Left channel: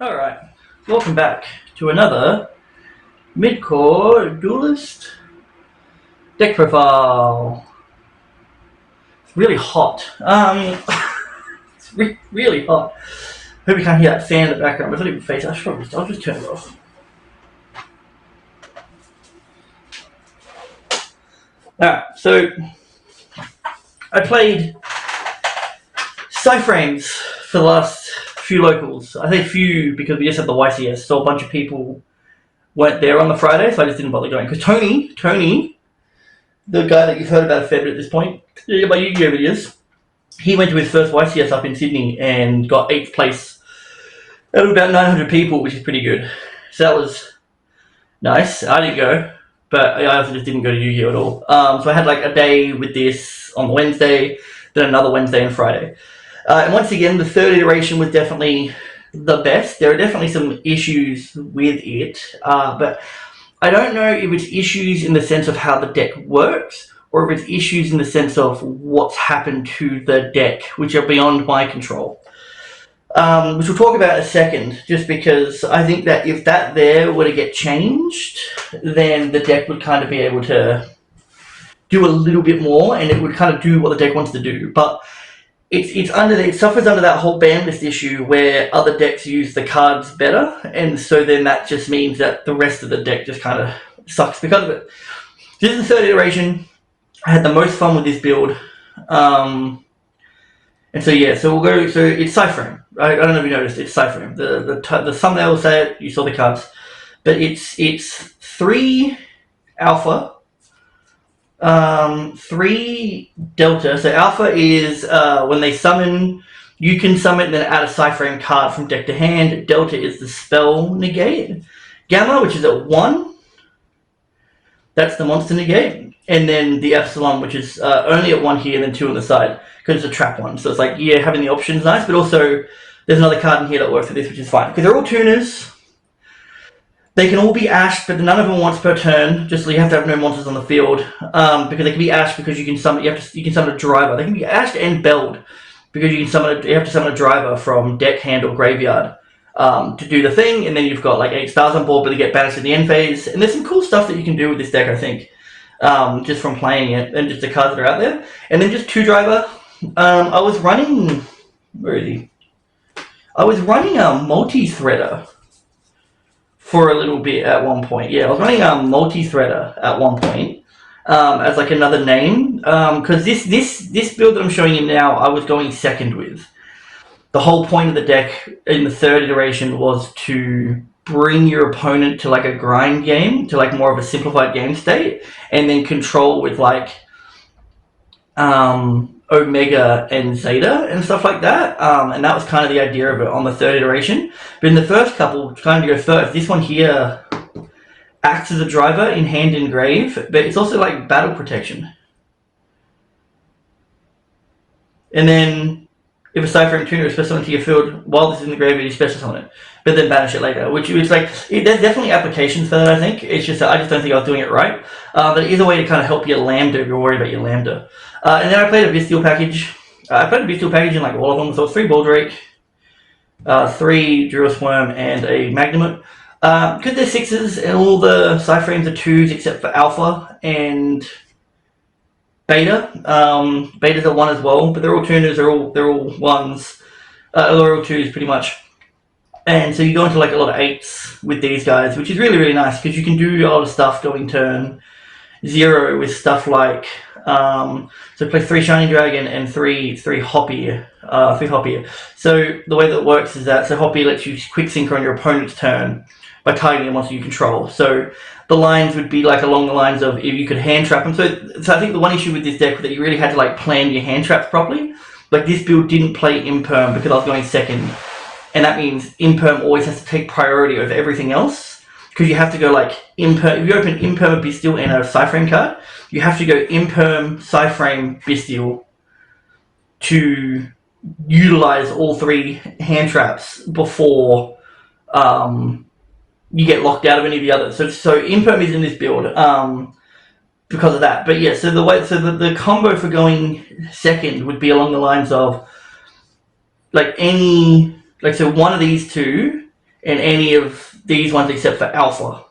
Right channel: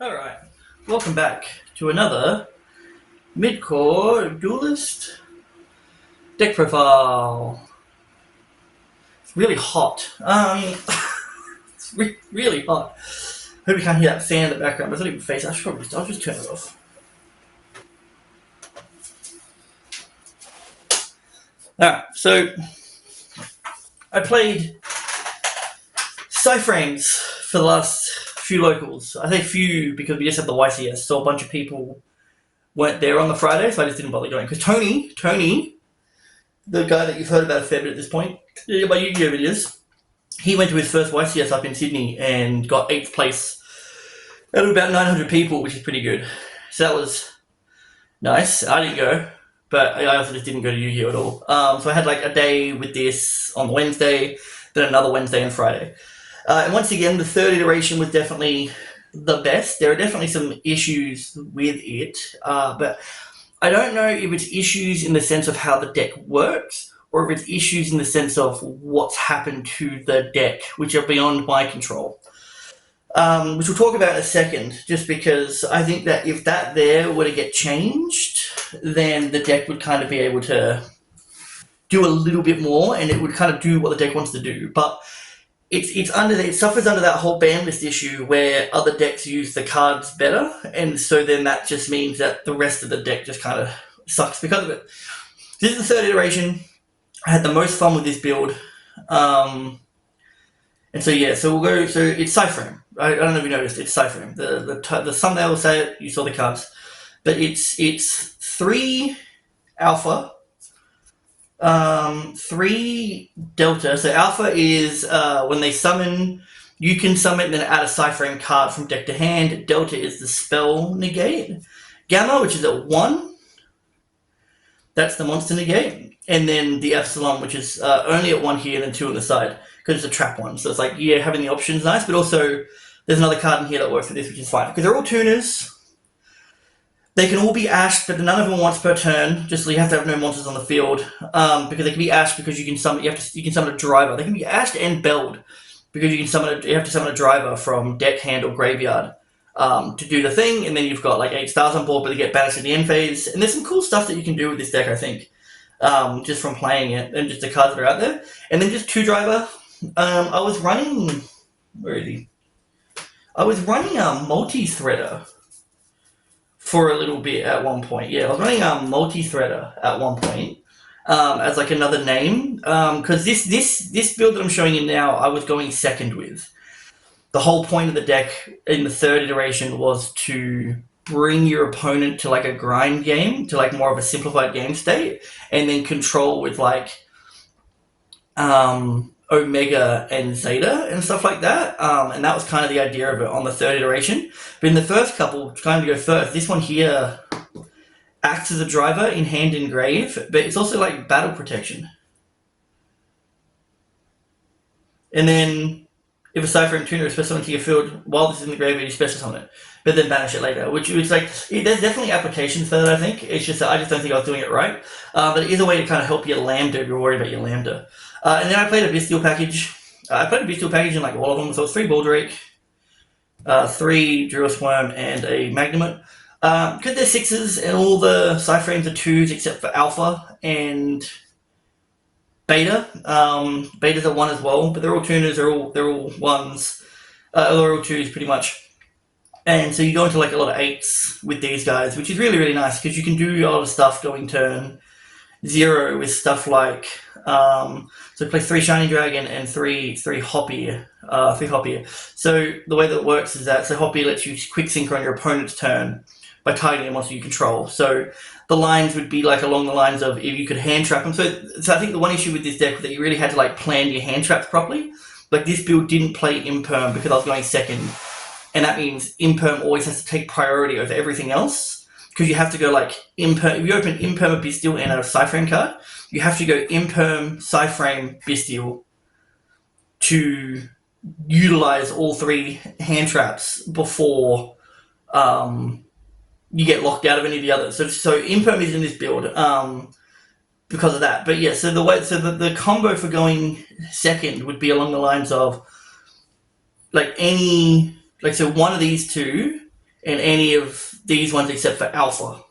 Alright, welcome back to another mid-core duelist deck profile. It's really hot. It's really hot. Hope you can't hear that fan in the background. I thought even face. I'll just turn it off. Alright, so I played Cyframes for the last few locals. I say few because we just had the YCS, so a bunch of people weren't there on the Friday, so I just didn't bother going. Because Tony, the guy that you've heard about a fair bit at this point, my Yu-Gi-Oh videos, he went to his first YCS up in Sydney and got 8th place out of about 900 people, which is pretty good. So that was nice. I didn't go, but I also just didn't go to Yu-Gi-Oh at all. So I had like a day with this on Wednesday, then another Wednesday and Friday. And once again, the third iteration was definitely the best. There are definitely some issues with it, but I don't know if it's issues in the sense of how the deck works, or if it's issues in the sense of what's happened to the deck, which are beyond my control. Which we'll talk about in a second, just because I think that if that there were to get changed, then the deck would kind of be able to do a little bit more, and it would kind of do what the deck wants to do. But it suffers under that whole ban list issue where other decks use the cards better, and so then that just means that the rest of the deck just kind of sucks because of it. This is the third iteration. I had the most fun with this build, and so yeah, so we'll go. So it's Cyframe. I don't know if you noticed. It's Cyframe. The thumbnail will say it. You saw the cards, but it's 3 alpha. 3 delta. So alpha is when they summon, you can summon, then add a Cyframe card from deck to hand. Delta is the spell negate. Gamma, which is at 1, that's the monster negate. And then the epsilon, which is only at 1 here and then 2 on the side, because it's a trap one. So it's like, yeah, having the option is nice, but also there's another card in here that works for this, which is fine. Because they're all tuners. They can all be ashed, but none of them once per turn. Just so you have to have no monsters on the field, because they can be ashed because you can summon. You can summon a driver. They can be ashed and belled because you have to summon a driver from deck, hand, or graveyard to do the thing. And then you've got like 8 stars on board, but they get banished at the end phase. And there's some cool stuff that you can do with this deck, I think, just from playing it and just the cards that are out there. And then just 2 driver. I was running. Where is he? I was running a multi-threader for a little bit at one point. Yeah, I was running a multi-threader at one point as like another name, because this build that I'm showing you now, I was going second with. The whole point of the deck in the third iteration was to bring your opponent to like a grind game, to like more of a simplified game state, and then control with like Omega and Zeta and stuff like that, and that was kind of the idea of it on the third iteration. But in the first couple, trying to go first, this one here acts as a driver in hand and grave, but it's also like battle protection. And then if a Cyframe tuner is special into your field while this is in the graveyard, you special summon it, but then banish it later. Which is like, there's definitely applications for that, I think. It's just that I just don't think I was doing it right. But it is a way to kind of help your Lambda if you're worried about your Lambda. And then I played a Bestial package. I played a Bestial package in like all of them, so it's 3 Baldrake, 3 Duelist Worm, and a Magnamut. Because they're 6s and all the Cyframes are 2s except for Alpha and Beta. Beta's a 1 as well, but they're all tuners, they're all 1s. They're all 2s pretty much. And so you go into like a lot of 8s with these guys, which is really, really nice because you can do a lot of stuff going turn 0 with stuff like so play 3 Shining Dragon and 3 Hoppy. 3 Hoppy. So the way that it works is that Hoppy lets you quick sync on your opponent's turn by targeting a monster you control. So the lines would be like along the lines of if you could hand trap them. So I think the one issue with this deck was that you really had to like plan your hand traps properly. Like this build didn't play Imperm because I was going second, and that means Imperm always has to take priority over everything else. Because you have to go like Imperm. If you open Imperm, Bestial, and a Cyframe card, you have to go Imperm, Cyframe, Bestial to utilize all 3 hand traps before you get locked out of any of the others. So Imperm is in this build because of that. But yeah, so the combo for going second would be along the lines of like so one of these 2 in any of these ones except for Alpha.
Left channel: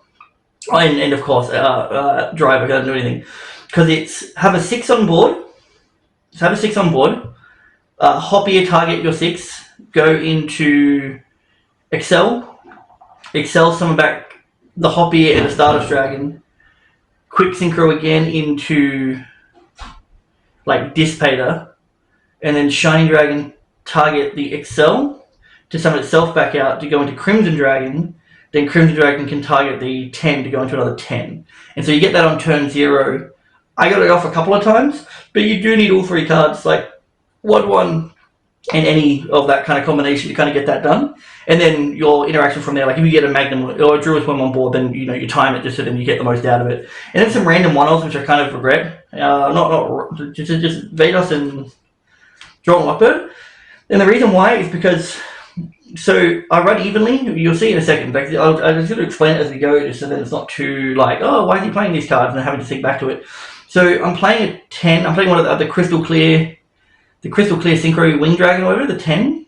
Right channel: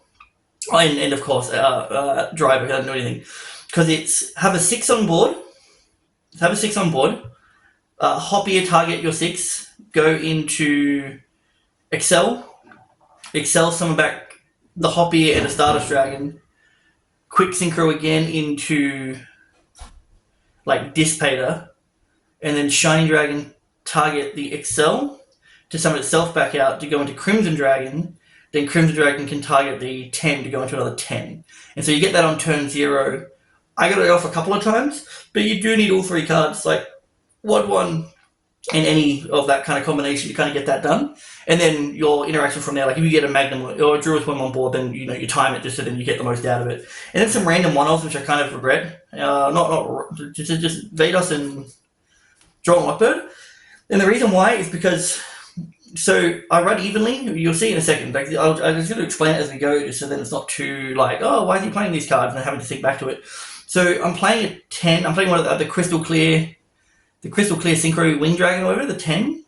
And of course, Driver doesn't do anything. Because it's have a 6 on board. Have a 6 on board. Hoppy target your 6. Go into Excel. Excel summon back the Hoppy and the Stardust Dragon. Quick Synchro again into like Dissipator. And then Shiny Dragon target the Excel to summon itself back out to go into Crimson Dragon. Then Crimson Dragon can target the 10 to go into another 10. And so you get that on turn 0. I got it off a couple of times, but you do need all 3 cards, like 1/1 and any of that kind of combination to kind of get that done. And then your interaction from there, like if you get a Magnum or a Duelist Worm on board, then you time it just so then you get the most out of it. And then some random one-offs, which I kind of regret. Just Vados and Draw and Lockbird. And the reason why is because... So I run evenly. You'll see in a second. Like I'm just going to explain it as we go, just so then it's not too like, oh, why is he playing these cards and having to think back to it. So I'm playing a 10. I'm playing one of the Crystal Clear Synchro Winged Dragon, or whatever, the 10.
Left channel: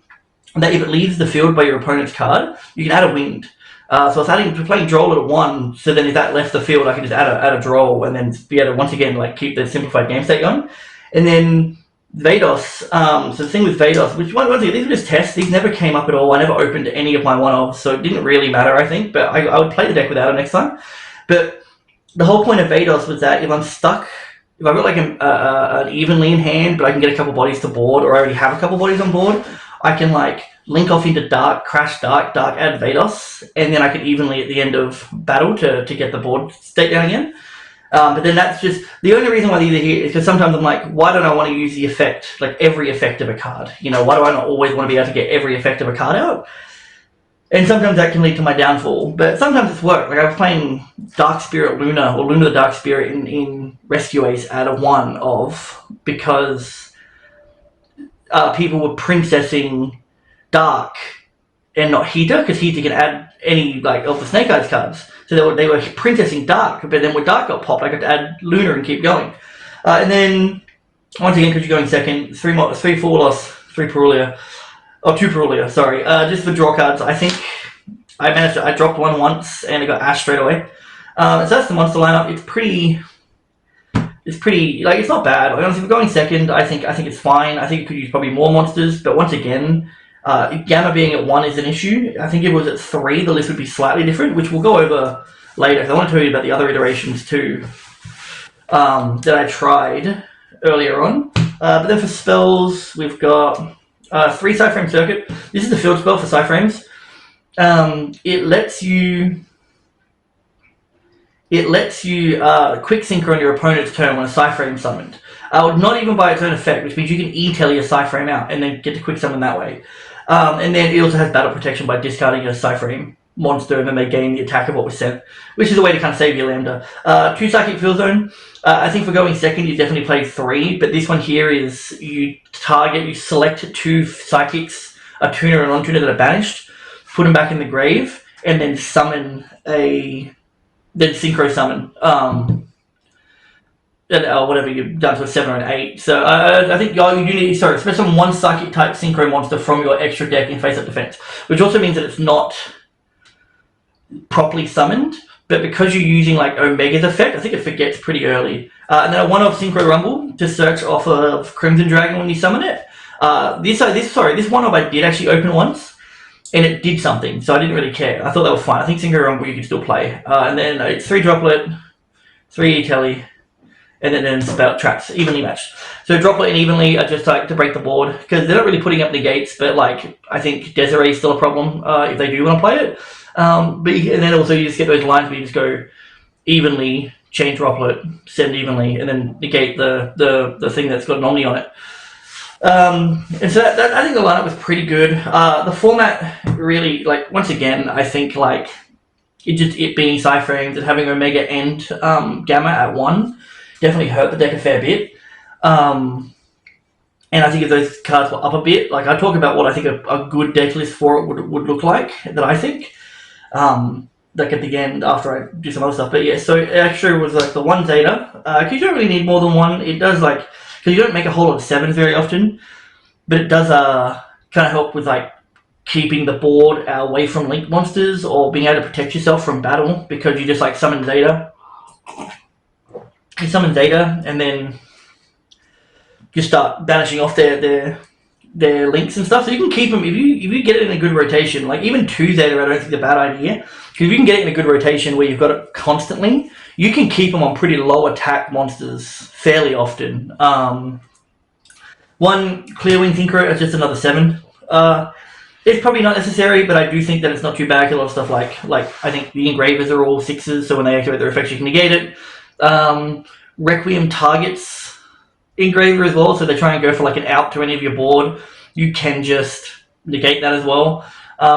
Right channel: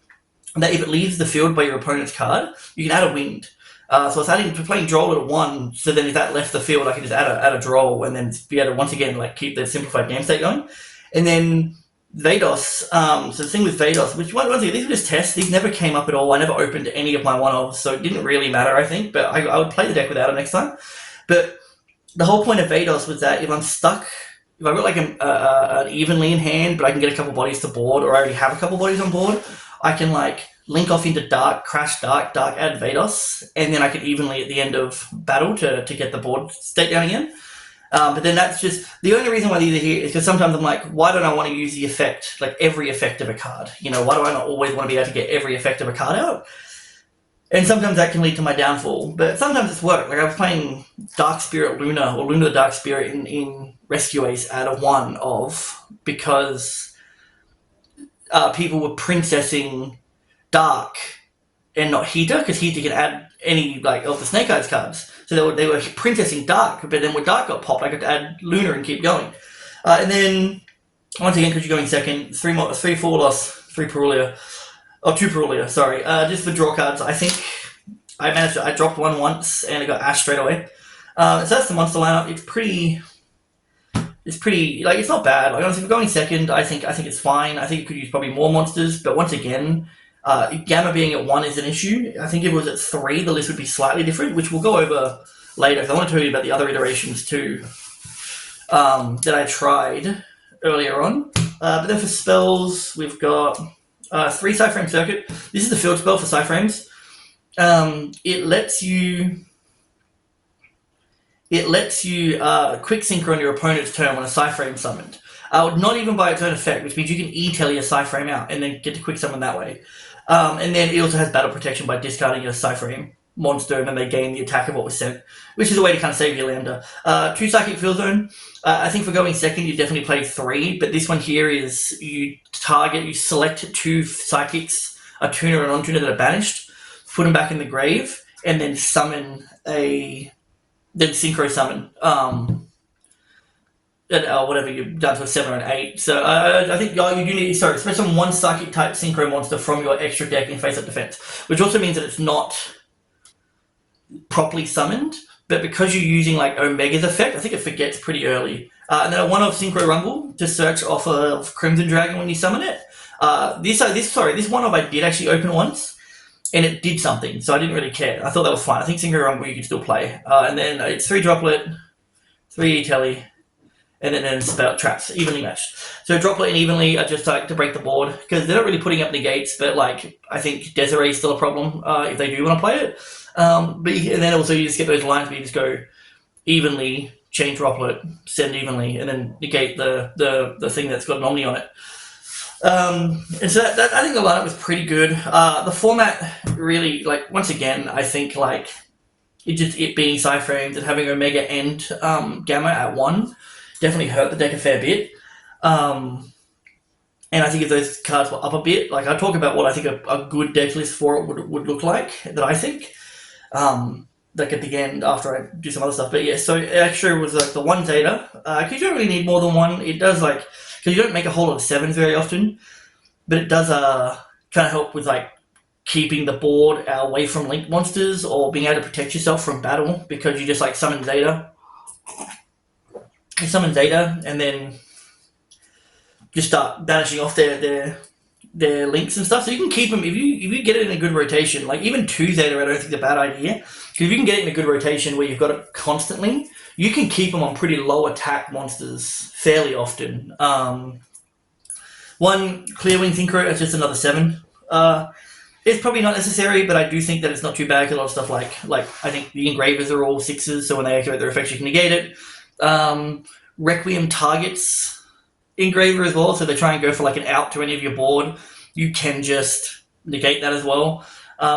And that if it leaves the field by your opponent's card, you can add a Winged. So I was playing Droll at 1. So then if that left the field, I can just add a Droll and then be able to once again like keep the simplified game state going. And then Vados, so the thing with Vados, which once again, these were just tests, these never came up at all, I never opened any of my one-offs, so it didn't really matter, I think, but I would play the deck without it next time. But the whole point of Vados was that if I'm stuck, if I've got like an evenly in hand, but I can get a couple bodies to board, or I already have a couple bodies on board, I can like link off into Dark, crash Dark, add Vados, and then I can evenly at the end of battle to get the board state down again. But then that's just the only reason why these are here is because sometimes I'm like, why don't I want to use the effect, like every effect of a card? Why do I not always want to be able to get every effect of a card out? And sometimes that can lead to my downfall, but sometimes it's worked. Like I was playing Dark Spirit Luna, or Luna the Dark Spirit in Rescue Ace at a 1-of, because people were princessing Dark and not Heater, because Heater can add any like of the Snake Eyes cards. So they were princessing Dark, but then when Dark got popped, I got to add Luna and keep going. And then, once again, because you're going second, 3 4-loss, 3 Perulia. Oh, 2 Perulia, sorry. Just for draw cards, I think I dropped 1 once and it got Ash straight away. So that's the monster lineup. It's pretty, like, it's not bad. Like, honestly, if we're going second, I think it's fine. I think it could use probably more monsters, but once again, Gamma being at 1 is an issue. I think if it was at 3, the list would be slightly different, which we'll go over later. I want to tell you about the other iterations too that I tried earlier on. But then for spells, we've got 3 Psyframe Circuit. This is the field spell for Psyframes. It lets you quick synchro on your opponent's turn when a Psyframe summoned. Not even by its own effect, which means you can E-Telly a Psyframe out and then get to quick summon that way. And then it also has battle protection by discarding a Psyframe monster, and then they gain the attack of what was sent, which is a way to kind of save your Lambda. 2 Psychic Field Zone. I think for going second, you definitely play 3, but this one here is you select 2 Psychics, a Tuner and non-Tuner that are banished, put them back in the grave, and then synchro summon. Or whatever you've done to a 7 or an 8. So I think you do need, especially 1 Psychic type synchro monster from your extra deck in face-up defense, which also means that it's not properly summoned, but because you're using like Omega's effect, I think it forgets pretty early. And then a 1-of Synchro Rumble to search off of Crimson Dragon when you summon it. This 1-of I did actually open once, and it did something, so I didn't really care. I thought that was fine. I think Synchro Rumble you could still play. And then it's 3 Droplet, 3 E-Telly, and then spell traps, evenly matched. So Droplet and Evenly are just like to break the board, because they're not really putting up negates, but like I think Desiree is still a problem if they do want to play it. And then also you just get those lines where you just go evenly, chain Droplet, send evenly, and then negate the thing that's got an Omni on it. And so that I think the lineup was pretty good. The format really, like, once again, I think like it being Psyframes and having Omega and Gamma at 1 definitely hurt the deck a fair bit. And I think if those cards were up a bit, like I talk about what I think a good deck list for it would look like, that I think. Like at the end after I do some other stuff. But yeah, so extra was like the 1 Zeta. Because you don't really need more than 1. It does like, because you don't make a whole lot of 7s very often, but it does kind of help with like keeping the board away from link monsters or being able to protect yourself from battle because you just like summon Zeta. You summon Zeta and then you start banishing off their links and stuff. So you can keep them if you get it in a good rotation. Like even 2 Zeta, I don't think is a bad idea. Because if you can get it in a good rotation where you've got it constantly, you can keep them on pretty low attack monsters fairly often. One Clearwing Synchro is just another 7. It's probably not necessary, but I do think that it's not too bad. A lot of stuff like I think the Engravers are all 6s, so when they activate their effects, you can negate it. Requiem targets Engraver as well, so they try and go for like an out to any of your board. You can just negate that as well,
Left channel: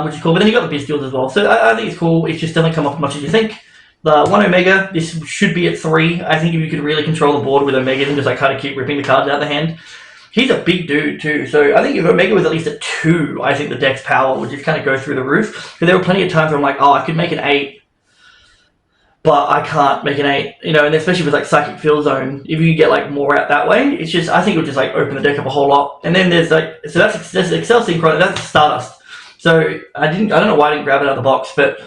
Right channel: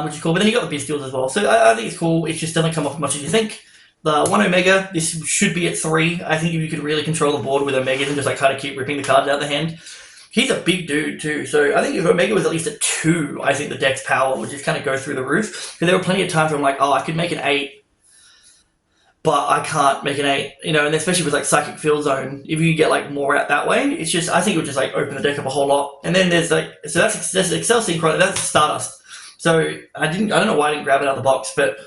which is cool. But then you got the Bestials as well, so I think it's cool. It just doesn't come off as much as you think. The 1 Omega, this should be at 3. I think if you could really control the board with Omega and just like kind of keep ripping the cards out of the hand. He's a big dude too, so I think if Omega was at least at 2, I think the deck's power would just kind of go through the roof. Because there were plenty of times where I'm like, oh, I could make an 8, but I can't make an 8, you know, and especially with like Psychic Field Zone, if you get like more out that way, it's just, I think it would just like open the deck up a whole lot. And then there's like, so that's Excel Synchro, that's Stardust. So I don't know why I didn't grab it out of the box, but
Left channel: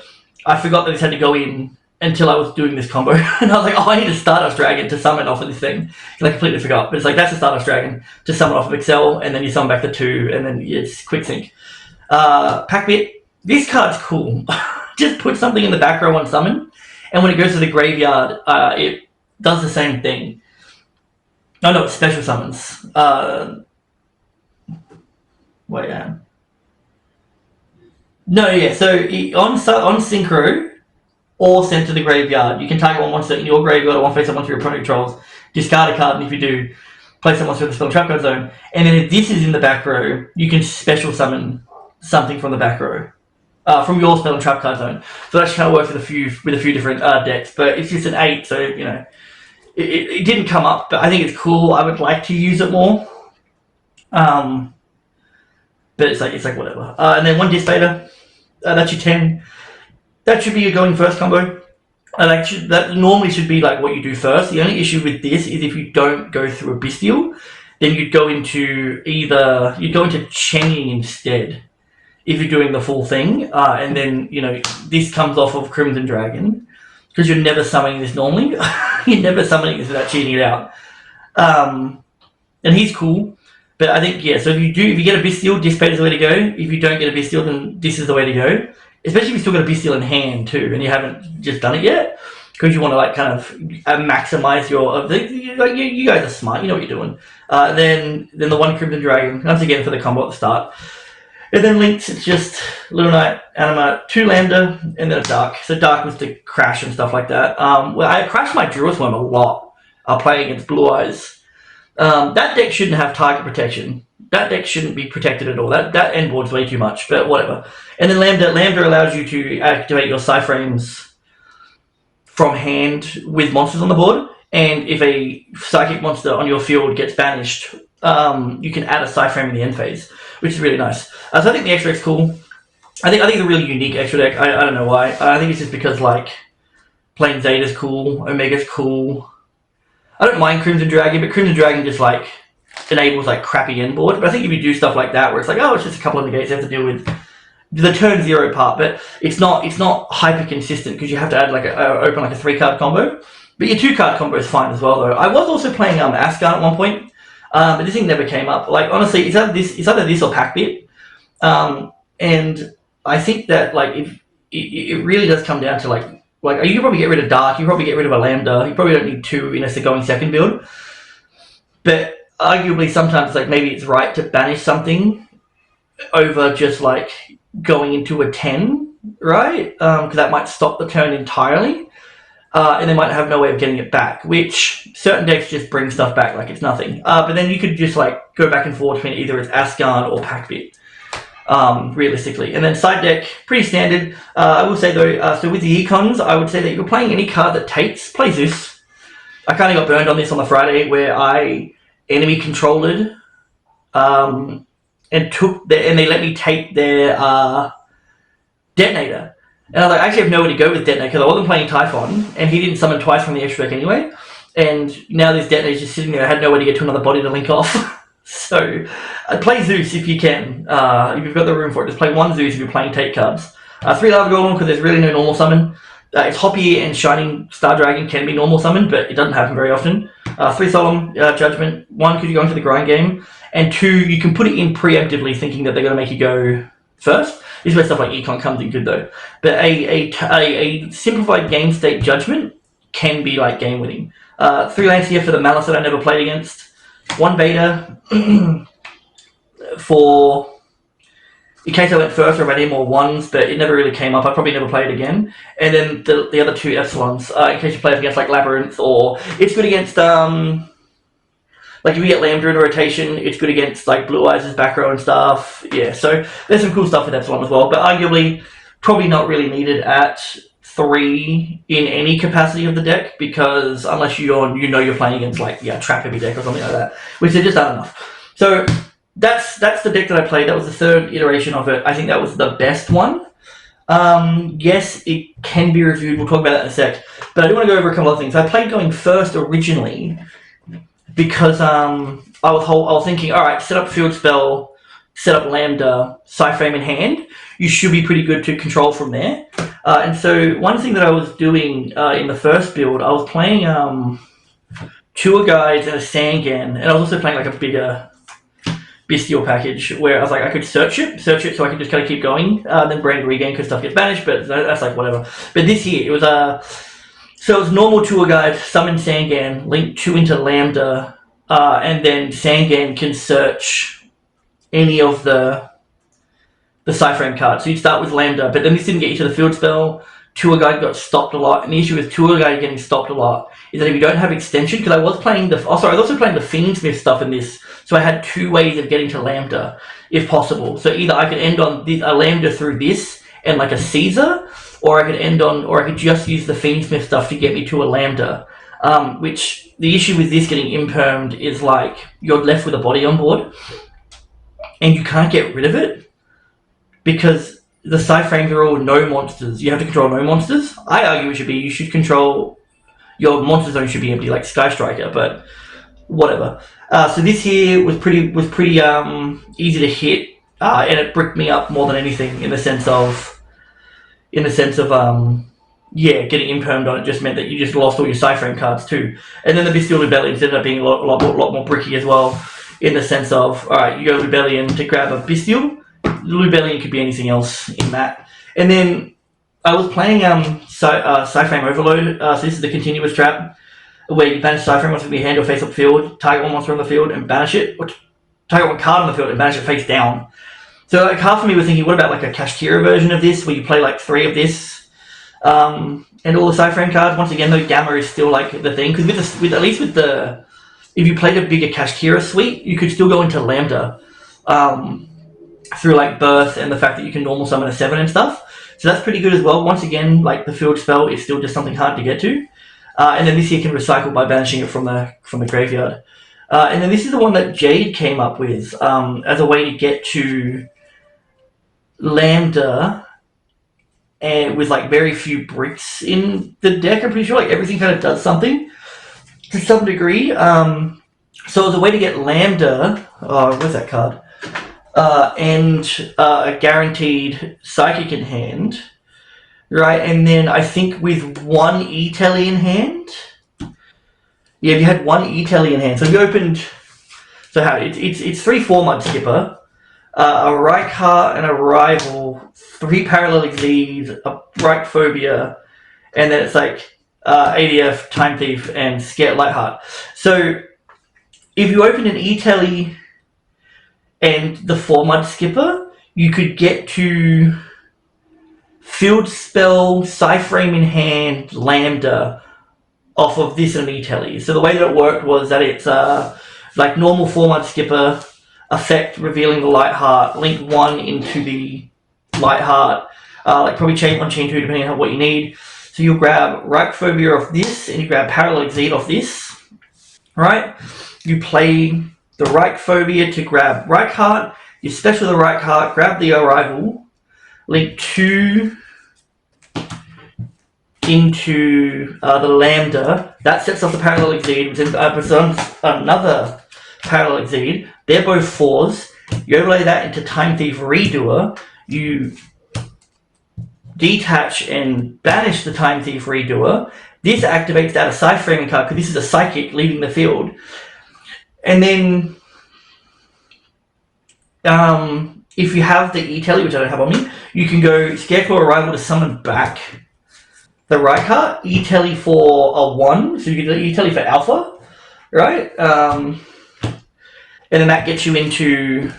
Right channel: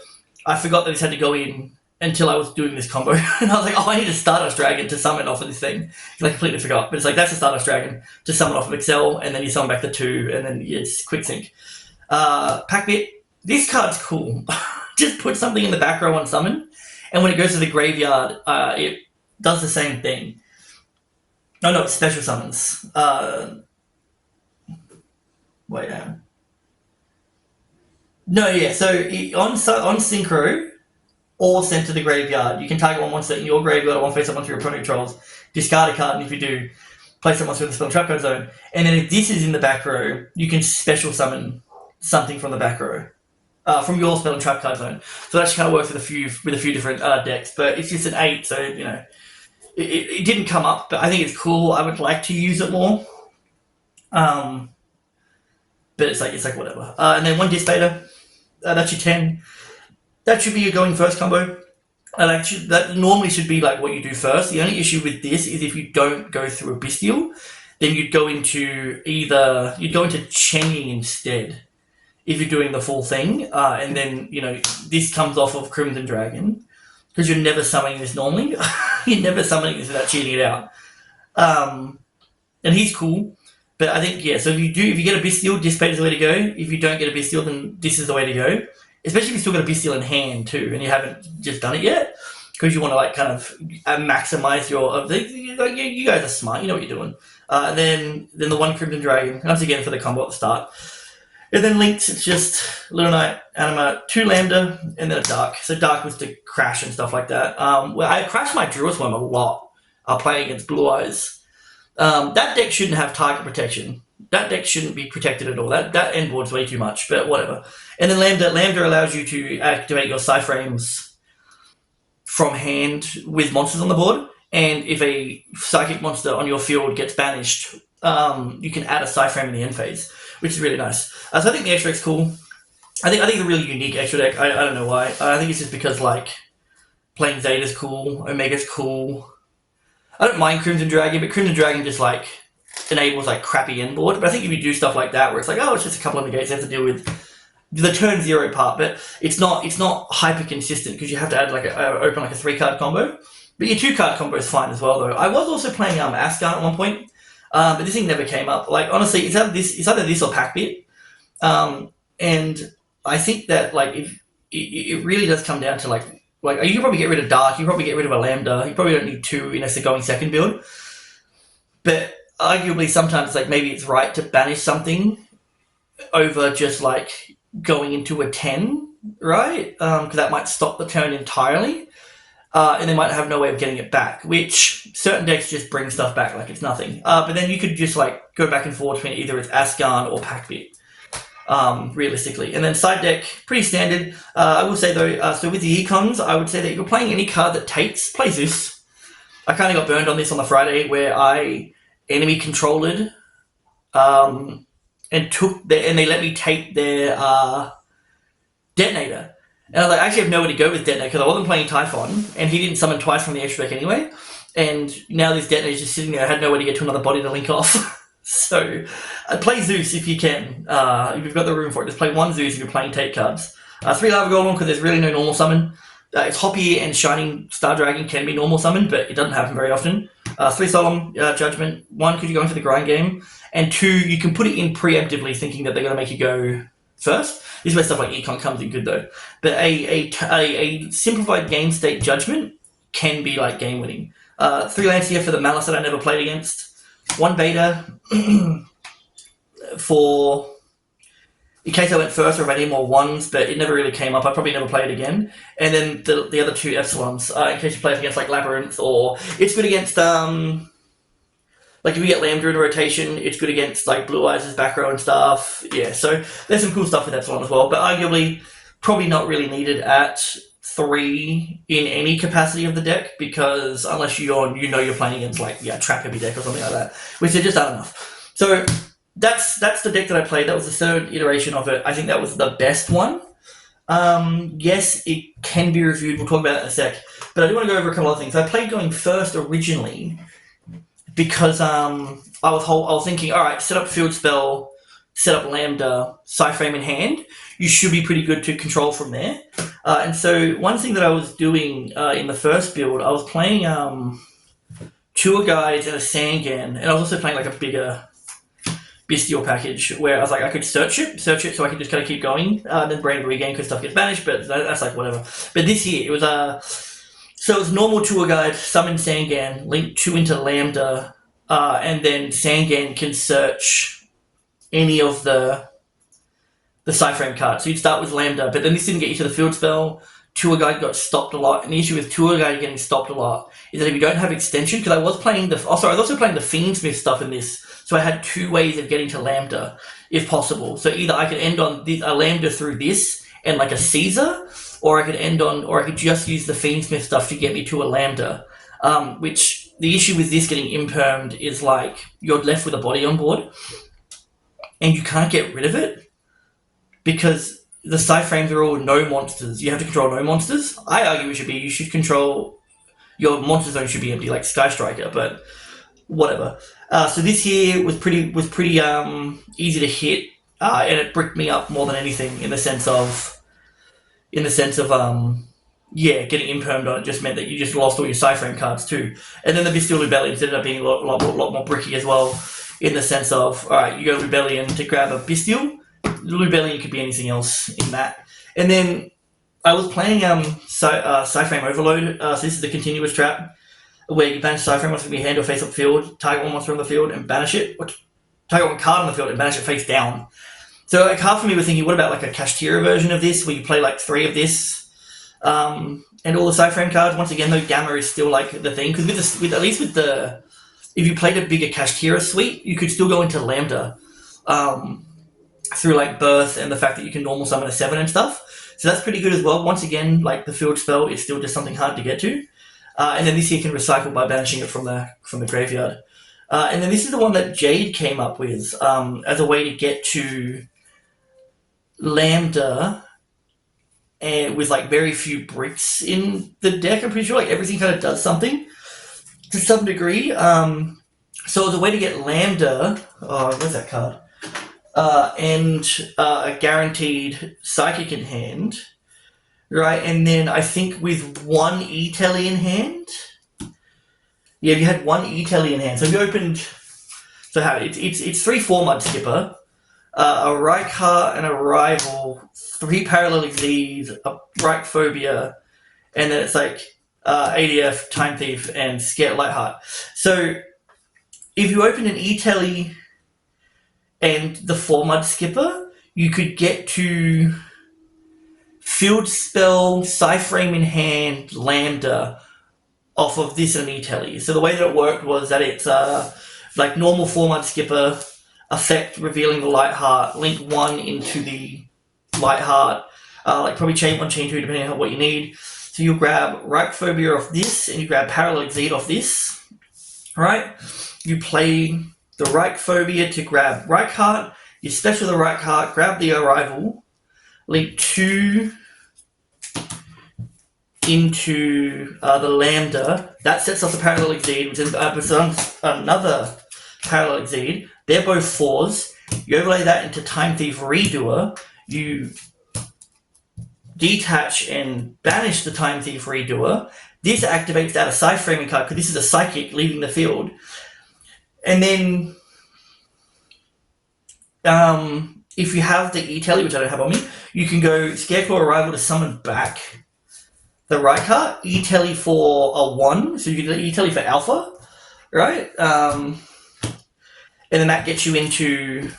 I forgot that this had to go in until I was doing this combo. And I was like, oh, I need a Stardust Dragon to summon off of this thing. And I completely forgot. But it's like, that's a Stardust Dragon to summon off of Excel, and then you summon back the 2, and then it's quick sync. Packbit, this card's cool. Just put something in the back row on summon, and when it goes to the graveyard, it does the same thing. No, it's special summons. Wait, no, yeah, so on Synchro, or sent to the graveyard, you can target one monster in your graveyard or one face up monster your opponent controls, discard a card, and if you do, place that monster in the spell trap card zone. And then if this is in the back row, you can special summon something from the back row, from your spell and trap card zone. So that actually kind of works with a few different decks, but it's just an 8, so you know, it didn't come up, but I think it's cool. I would like to use it more, but it's like whatever. And then 1 Dispater, that's your 10. That should be your going first combo. That normally should be like what you do first. The only issue with this is if you don't go through a Bestial, then you'd go into Changing instead if you're doing the full thing. And then, you know, this comes off of Crimson Dragon because you're never summoning this normally. You're never summoning this without cheating it out. And he's cool. But I think, yeah, so if you get a Bestial, Dispater is the way to go. If you don't get a Bestial, then this is the way to go. Especially if you still got a Bestial in hand too, and you haven't just done it yet, because you want to like kind of maximize your. You guys are smart, you know what you're doing. Then the 1 Crimson Dragon once again for the combo at the start, and then links. It's just Little Knight, Anima, 2 Lambda, and then a Dark. So Dark was to crash and stuff like that. Well, I crashed my Druid's Worm a lot. Playing against Blue Eyes. That deck shouldn't have target protection. That deck shouldn't be protected at all. That end board's way too much, but whatever. And then Lambda allows you to activate your Cyframes from hand with monsters on the board. And if a psychic monster on your field gets banished, you can add a Cyframe in the end phase, which is really nice. So I think the extra deck's cool. I think it's a really unique extra deck. I don't know why. I think it's just because like playing Zeta's cool, Omega's cool. I don't mind Crimson Dragon, but Crimson Dragon just like enables like crappy end board. But I think if you do stuff like that, where it's like, oh, it's just a couple of negates, you have to deal with the turn 0 part, but it's not hyper consistent because you have to add like open like a 3-card combo. But your 2-card combo is fine as well though. I was also playing Asgard at one point, but this thing never came up. Like honestly, it's either this or Packbit, and I think that like if it really does come down to like you can probably get rid of Dark, you can probably get rid of a Lambda, you probably don't need 2 unless they're going second build. But arguably sometimes like maybe it's right to banish something over just like going into a 10, right? Because that might stop the turn entirely, and they might have no way of getting it back, which certain decks just bring stuff back like it's nothing. But then you could just like go back and forth between either it's Asgard or Packbit, realistically. And then side deck, pretty standard. I will say though, so with the econs, I would say that if you're playing any card that takes, play Zeus. I kind of got burned on this on the Friday where I enemy controlled and they let me take their Detonator. And I was like, I actually have nowhere to go with Detonator because I wasn't playing Typhon, and he didn't summon twice from the extra deck anyway. And now this Detonator's just sitting there. I had nowhere to get to another body to link off. So, play Zeus if you can. If you've got the room for it, just play one Zeus if you're playing take cards. 3 Lava Golem because there's really no normal summon. It's Hoppy and Shining Star Dragon can be normal summon, but it doesn't happen very often. 3 Solemn Judgment. 1, because you're going to the grind game. And 2, you can put it in preemptively thinking that they're going to make you go first. This is where stuff like Econ comes in good though. But a simplified game state Judgment can be like game winning. 3 Lancia for the Malice that I never played against. 1 Beta for in case I went first or I any more 1s, but it never really came up. I probably never play it again. And then the other 2 Epsilons, in case you play against like Labyrinth, or it's good against like if you get Lambda in a rotation, it's good against like Blue Eyes' back row and stuff. Yeah, so there's some cool stuff with Epsilon as well, but arguably probably not really needed at 3 in any capacity of the deck, because unless you're playing against like trap heavy deck or something like that, which there just aren't enough. So that's the deck that I played. That was the 3rd iteration of it. I think that was the best one. Yes, it can be reviewed. We'll talk about that in a sec. But I do want to go over a couple of things. I played going first originally because I was thinking, all right, set up field spell, set up Lambda, Psyframe in hand. You should be pretty good to control from there. And so one thing that I was doing in the first build, I was playing 2 guides and a Sangan, and I was also playing like a bigger bestial package where I was like, I could search it so I could just kind of keep going, then brand regain because stuff gets banished, but that's like whatever. But this year, it was so it was normal Tour Guide, summon Sangan, link 2 into Lambda, and then Sangan can search any of the Psyframe cards. So you'd start with Lambda, but then this didn't get you to the field spell. Tour Guide got stopped a lot, and the issue with Tour Guide getting stopped a lot is that if you don't have extension, because I was also playing the Fiendsmith stuff in this, so I had 2 ways of getting to Lambda, if possible. So either I could end on a Lambda through this and like a Caesar, or I could just use the Fiendsmith stuff to get me to a Lambda. Which the issue with this getting impermed is like you're left with a body on board, and you can't get rid of it because the Psyframes are all no monsters. You have to control no monsters. I argue you should control your monster zone should be empty, like Sky Striker, but whatever. So this here was pretty easy to hit, and it bricked me up more than anything in the sense of getting impermed on it just meant that you just lost all your Psyframe cards too. And then the Bestial Rebellion ended up being a lot more bricky as well, in the sense of, alright, you go Rebellion to grab a Bestial. Rebellion could be anything else in that. And then I was playing Psyframe Overload, so this is the continuous trap, where you banish Psyframe monster from your hand or face up field, target one monster on the field and banish it, or target one card on the field and banish it face down. So like half of me was thinking, what about like a Kashtira version of this, where you play like 3 of this, and all the Psyframe cards. Once again, though, Gamma is still like the thing, because if you played a bigger Kashtira suite, you could still go into Lambda through like Birth and the fact that you can normal summon a 7 and stuff. So that's pretty good as well. Once again, like the field spell is still just something hard to get to. And then this here can recycle by banishing it from the graveyard. And then this is the one that Jade came up with as a way to get to Lambda, and with like very few bricks in the deck. I'm pretty sure like everything kind of does something to some degree. So as a way to get Lambda, where's that card? And a guaranteed Psychic in hand, right? And then I think with 1 E-Telly in hand, if you had 1 E-Telly in hand, so if you opened, so how it's 3 4-Mud Skipper, a Reich and a Rival, 3 Parallel Exceeds, a Reich Phobia, and then it's like ADF, Time Thief, and Scare Lightheart. So if you opened an E-Telly and the 4-Mud Skipper, you could get to Field Spell, Psyframe in hand, Lambda off of this and an E-Telly. So the way that it worked was that it's like normal 4-Mud Skipper, effect revealing the Lightheart, link 1 into the Lightheart, like probably chain 1, chain 2, depending on what you need. So you'll grab Reich Phobia off this, and you grab Parallel Exceed off this, right? You play the Reich Phobia to grab Reichheart, you special the Reichheart, grab the Arrival, link 2 into the Lambda. That sets off the Parallel Exceed, which is another Parallel Exceed, They're both 4s. You overlay that into Time Thief Redoer. You detach and banish the Time Thief Redoer. This activates that Scythe Framing card because this is a psychic leaving the field. And then if you have the E-Telly, which I don't have on me, you can go Scareclaw Arrival to summon back the right card, E-Telly for a 1, so you can do E-Telly for Alpha, right? And then that gets you into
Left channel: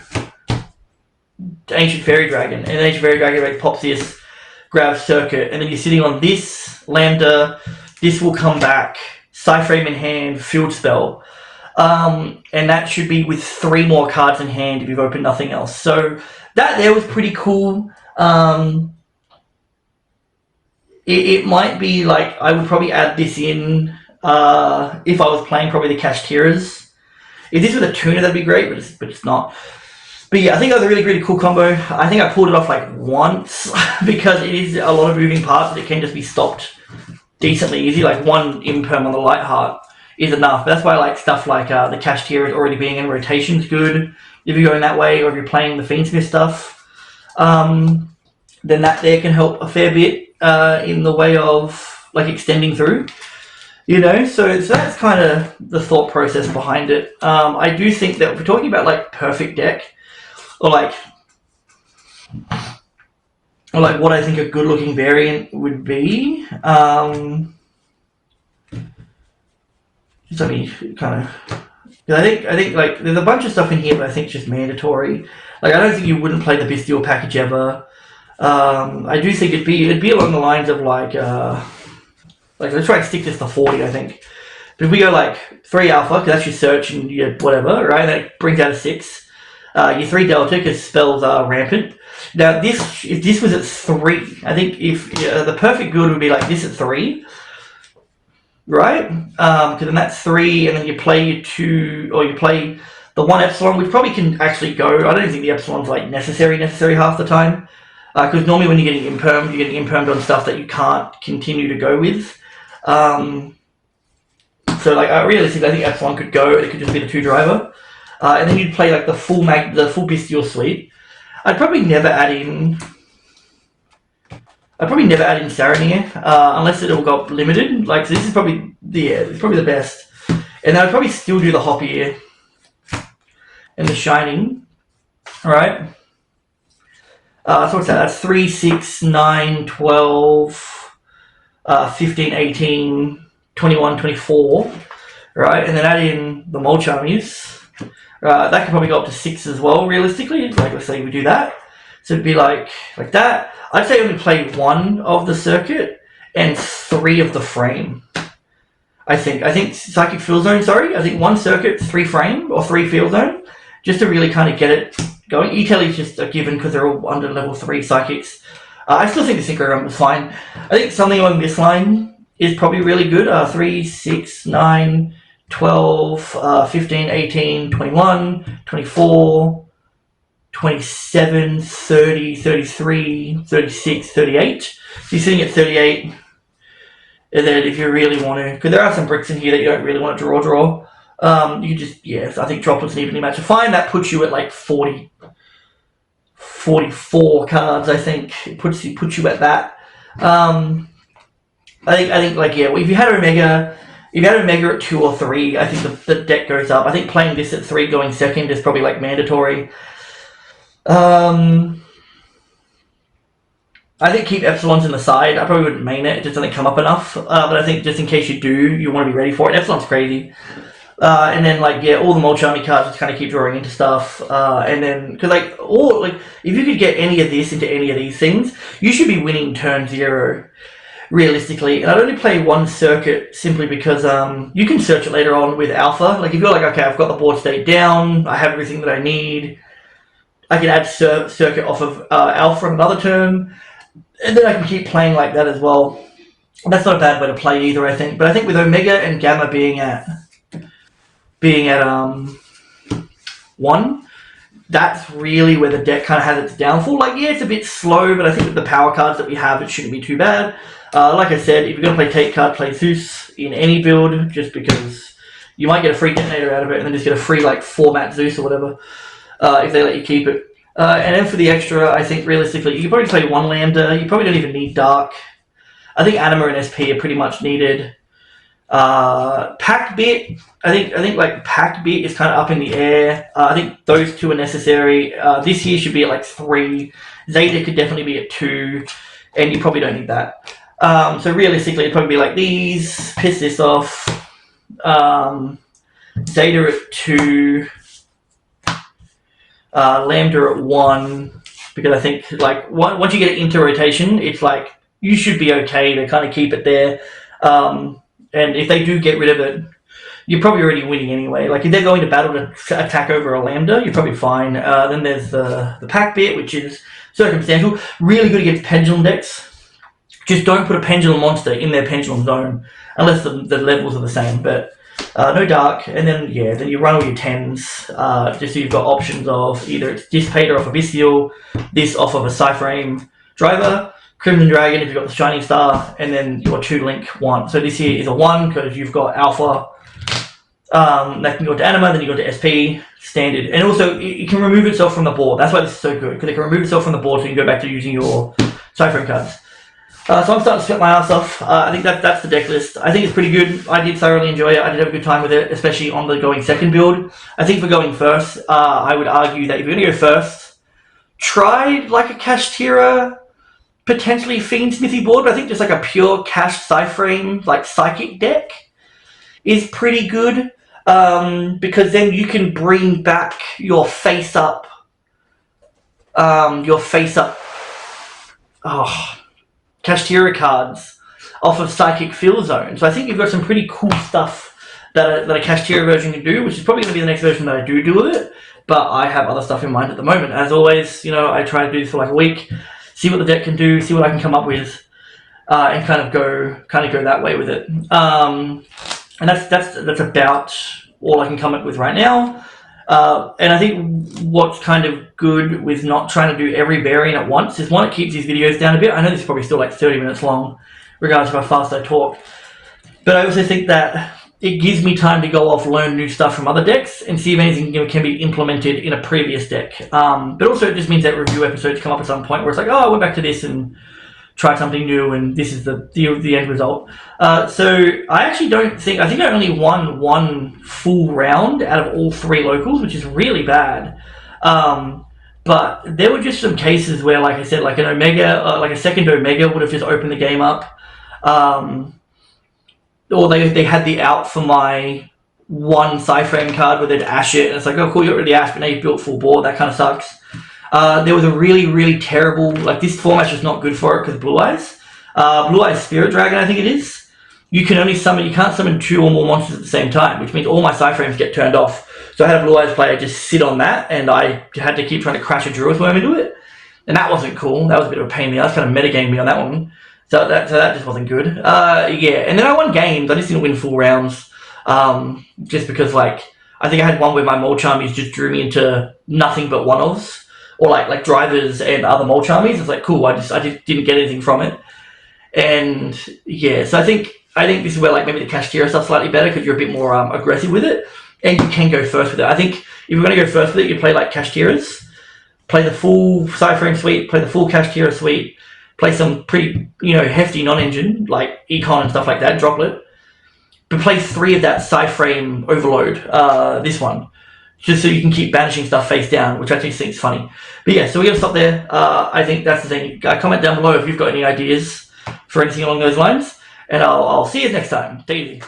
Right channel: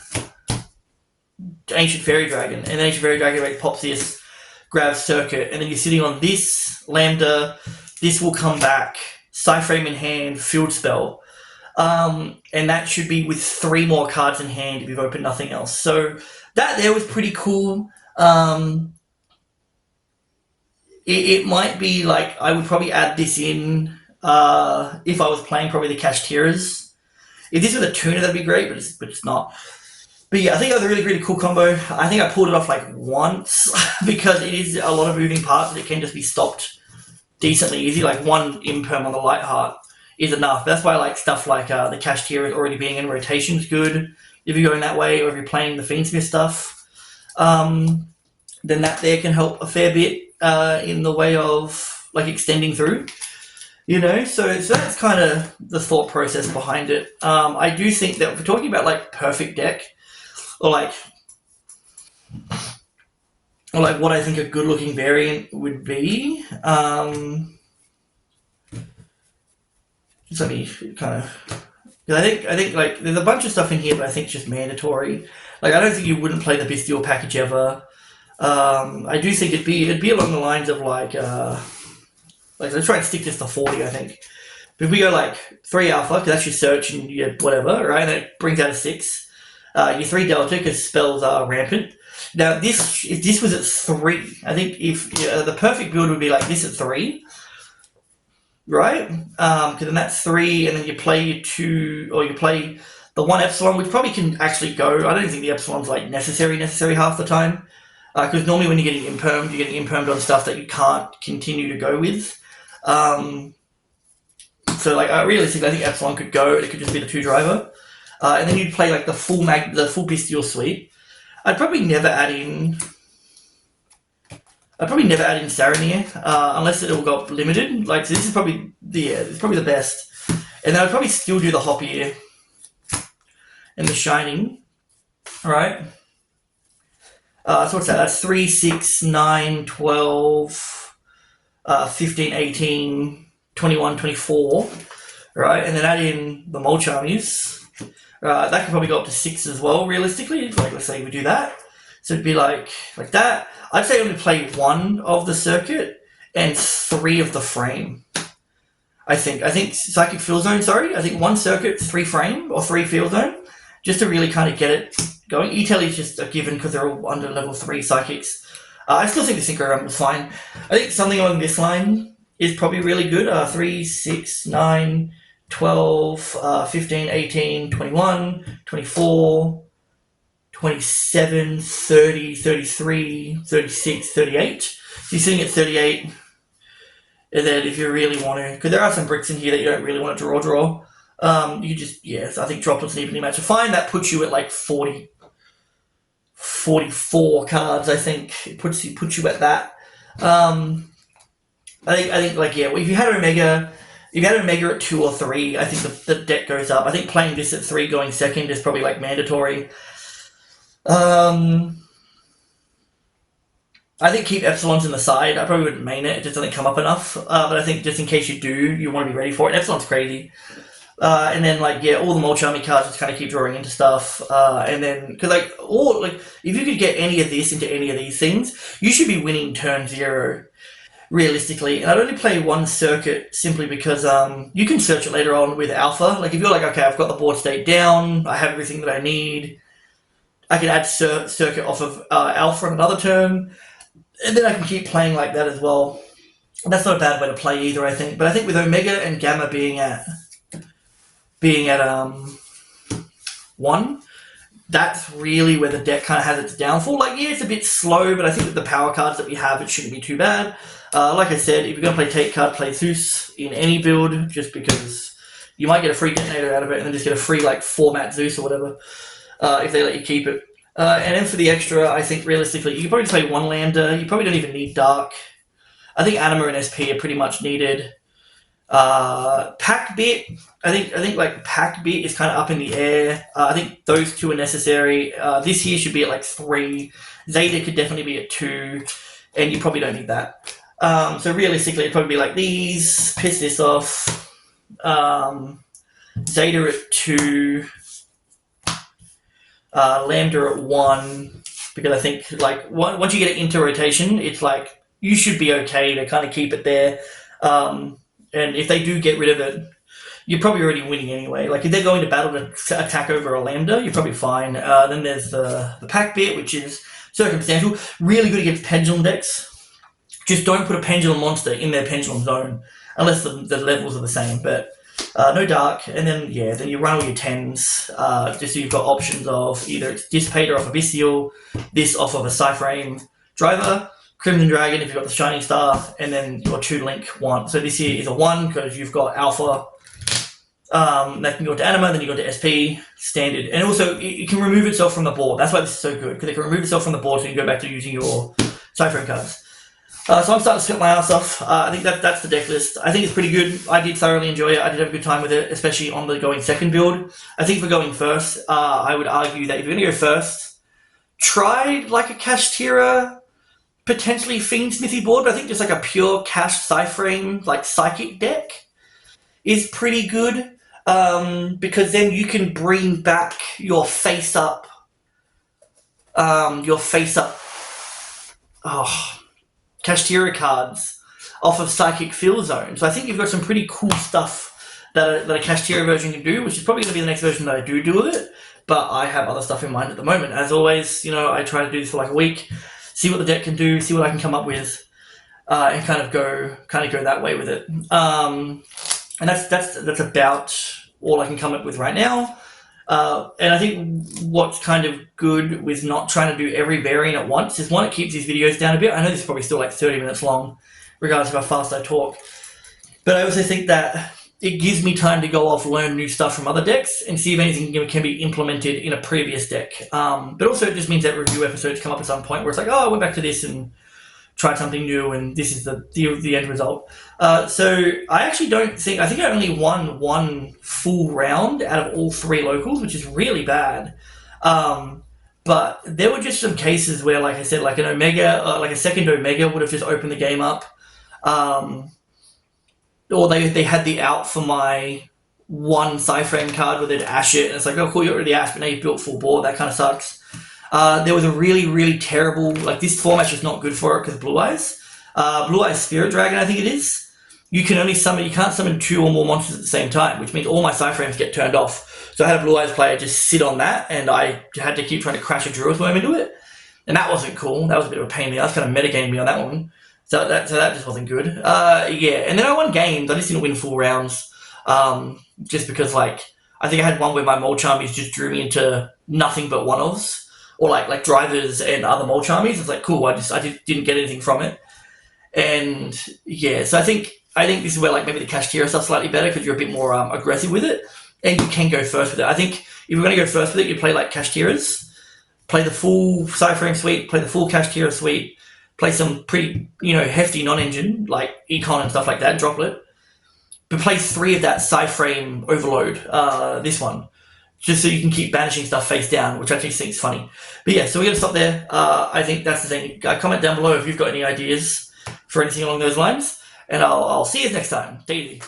Ancient Fairy Dragon, and Ancient Fairy Dragon pops this, grabs Circuit, and then you're sitting on this Lambda, this will come back, Scythe Frame in hand, Field Spell, and that should be with 3 more cards in hand if you've opened nothing else. So that there was pretty cool. It might be like, I would probably add this in if I was playing probably the Kashtiras. If this was a tuner, that'd be great, but it's not. But yeah, I think that was a really, really cool combo. I think I pulled it off like once because it is a lot of moving parts. It can just be stopped decently easy. Like 1 imperm on the Light Heart is enough. But that's why I like stuff like the Kashtira already being in rotation is good. If you're going that way, or if you're playing the Fiendsmith stuff, then that there can help a fair bit in the way of like extending through. So that's kind of the thought process behind it. I do think that if we're talking about like perfect deck, or like what I think a good looking variant would be, just let me kind of. I think like there's a bunch of stuff in here, but I think it's just mandatory. Like I don't think you wouldn't play the Bestial package ever. I do think it'd be along the lines of like let's try and stick this to 40. I think but if we go like 3 Alpha, because that's your search and your whatever, right? And that brings out a 6. Your 3 Delta, because spells are rampant. Now if this was at 3, I think if the perfect build would be like this at 3. Right? Because then that's 3, and then you play your 2, or you play the 1 Epsilon, which probably can actually go. I don't think the Epsilon's like necessary half the time. Because normally when you're getting impermed, you're getting impermed on stuff that you can't continue to go with. So like realistically, I think Epsilon could go. It could just be the 2 driver, and then you'd play like the full Bestial suite. I'd probably never add in Saramir, unless it all got limited. Like, so this is probably the best. And then I'd probably still do the Hoppier and the Shining, right? So what's that? That's 3, 6, 9, 12, 15, 18, 21, 24, right? And then add in the Mulch Armies. That could probably go up to 6 as well, realistically. Like, let's say we do that. So it'd be like that. I'd say only play 1 of the Circuit and 3 of the Frame. I think Psychic Field Zone, I think 1 Circuit, 3 Frame, or 3 Field Zone, just to really kind of get it going. E-Telly is just a given because they're all under level 3 Psychics. I still think the Synchro Run was fine. I think something along this line is probably really good. 3, 6, 9, 12, 15, 18, 21, 24... 27, 30, 33, 36, 38. So you're sitting at 38. And then if you really want to, because there are some bricks in here that you don't really want to draw. You just, I think Droplets and Evenly Match are fine. That puts you at like 40, 44 cards, I think. It puts you at that. I think like, if you had Omega at 2 or 3, I think the deck goes up. I think playing this at 3 going second is probably like mandatory. I think keep Epsilons in the side. I probably wouldn't main it. It just doesn't come up enough. But I think just in case you do, you want to be ready for it. Epsilon's crazy. And then all the Mulch Army cards just kind of keep drawing into stuff. And then because if you could get any of this into any of these things, you should be winning turn 0 realistically. And I'd only play 1 Circuit simply because you can search it later on with Alpha. Like if you're like, okay, I've got the board state down, I have everything that I need. I can add Circuit off of Alpha another turn, and then I can keep playing like that as well. That's not a bad way to play either, I think. But I think with Omega and Gamma being at 1, that's really where the deck kind of has its downfall. Like, it's a bit slow, but I think with the power cards that we have, it shouldn't be too bad. Like I said, if you're going to play Take Card, play Zeus in any build, just because You might get a free detonator out of it, and then just get a free like format Zeus or whatever if they let you keep it. And then for the extra, I think realistically, you can probably play one Lambda. You probably don't even need Dark. I think Anima and SP are pretty much needed. Pack Bit, I think like Pack Bit is kind of up in the air. I think those two are necessary. This here should be at like 3. Zeta could definitely be at 2, and you probably don't need that. So realistically, it'd probably be like these. Piss this off. Zeta at 2. Lambda at 1, because I think like once you get it into rotation, it's like you should be okay to kind of keep it there. And if they do get rid of it, you're probably already winning anyway. Like if they're going to battle to attack over a Lambda, you're probably fine. Then there's the Pack Bit, which is circumstantial. Really good against Pendulum decks. Just don't put a Pendulum monster in their Pendulum zone unless the levels are the same. But no Dark, and then then you run all your 10s, just so you've got options of either it's Dissipator off of Abyssial, this off of a Cyframe Driver, Crimson Dragon if you've got the Shining Star, and then your 2-link 1. So this here is a 1 because you've got Alpha. That can go to Anima, then you go to SP, standard. And also, it can remove itself from the board. That's why this is so good, because it can remove itself from the board so you can go back to using your Cypher cards. So I'm starting to split my ass off. I think that's the deck list. I think it's pretty good. I did thoroughly enjoy it. I did have a good time with it, especially on the going second build. I think for going first, I would argue that if you're going to go first, try like a Kashtira, potentially Fiend Smithy board, but I think just like a pure Cash Cyframe, like Psychic deck is pretty good, because then you can bring back your face-up, Kashtira cards off of Psychic Field Zone. So I think you've got some pretty cool stuff that a Kashtira version can do, which is probably going to be the next version that I do with it, but I have other stuff in mind at the moment. As always, I try to do this for like a week, see what the deck can do, see what I can come up with, and kind of go that way with it. And that's about all I can come up with right now. And I think what's kind of good with not trying to do every variant at once is, one, it keeps these videos down a bit. I know this is probably still like 30 minutes long, regardless of how fast I talk. But I also think that it gives me time to go off, learn new stuff from other decks, and see if anything can be implemented in a previous deck. But also it just means that review episodes come up at some point where it's like, I went back to this and tried something new, and this is the end result. So I actually I think I only won 1 full round out of all 3 locals, which is really bad. But there were just some cases where, like I said, like an Omega, like a second Omega would have just opened the game up. Or they had the out for my 1 Cyframe card where they'd ash it, and it's like, oh cool, you already ashed, but now you've built full board. That kind of sucks. There was a really, really terrible, like this format's just not good for it because Blue Eyes. Blue Eyes Spirit Dragon, I think it is. You can't summon 2 or more monsters at the same time, which means all my Cyframes get turned off. So I had a Blue Eyes player just sit on that, and I had to keep trying to crash a Druid Worm into it. And that wasn't cool. That was a bit of a pain in the ass, kind of metagaming me on that one. So that just wasn't good. And then I won games. I just didn't win full rounds. Just because, like, I think I had one where my Molcharmies just drew me into nothing but one-offs. Or like drivers and other Molcharmies. It's like, cool, I just didn't get anything from it. And so I think this is where like maybe the Kashtira stuff's slightly better because you're a bit more aggressive with it. And you can go first with it. I think if you're going to go first with it, you play like Kashtiras. Play the full Cyframe suite, play the full Kashtira suite, play some pretty, hefty non-engine, like Econ and stuff like that, Droplet. But play 3 of that Cyframe Overload, this one. Just so you can keep banishing stuff face down, which I actually think is funny. But yeah, so we're going to stop there. I think that's the thing. Comment down below if you've got any ideas for anything along those lines. And I'll see you next time. Take it easy.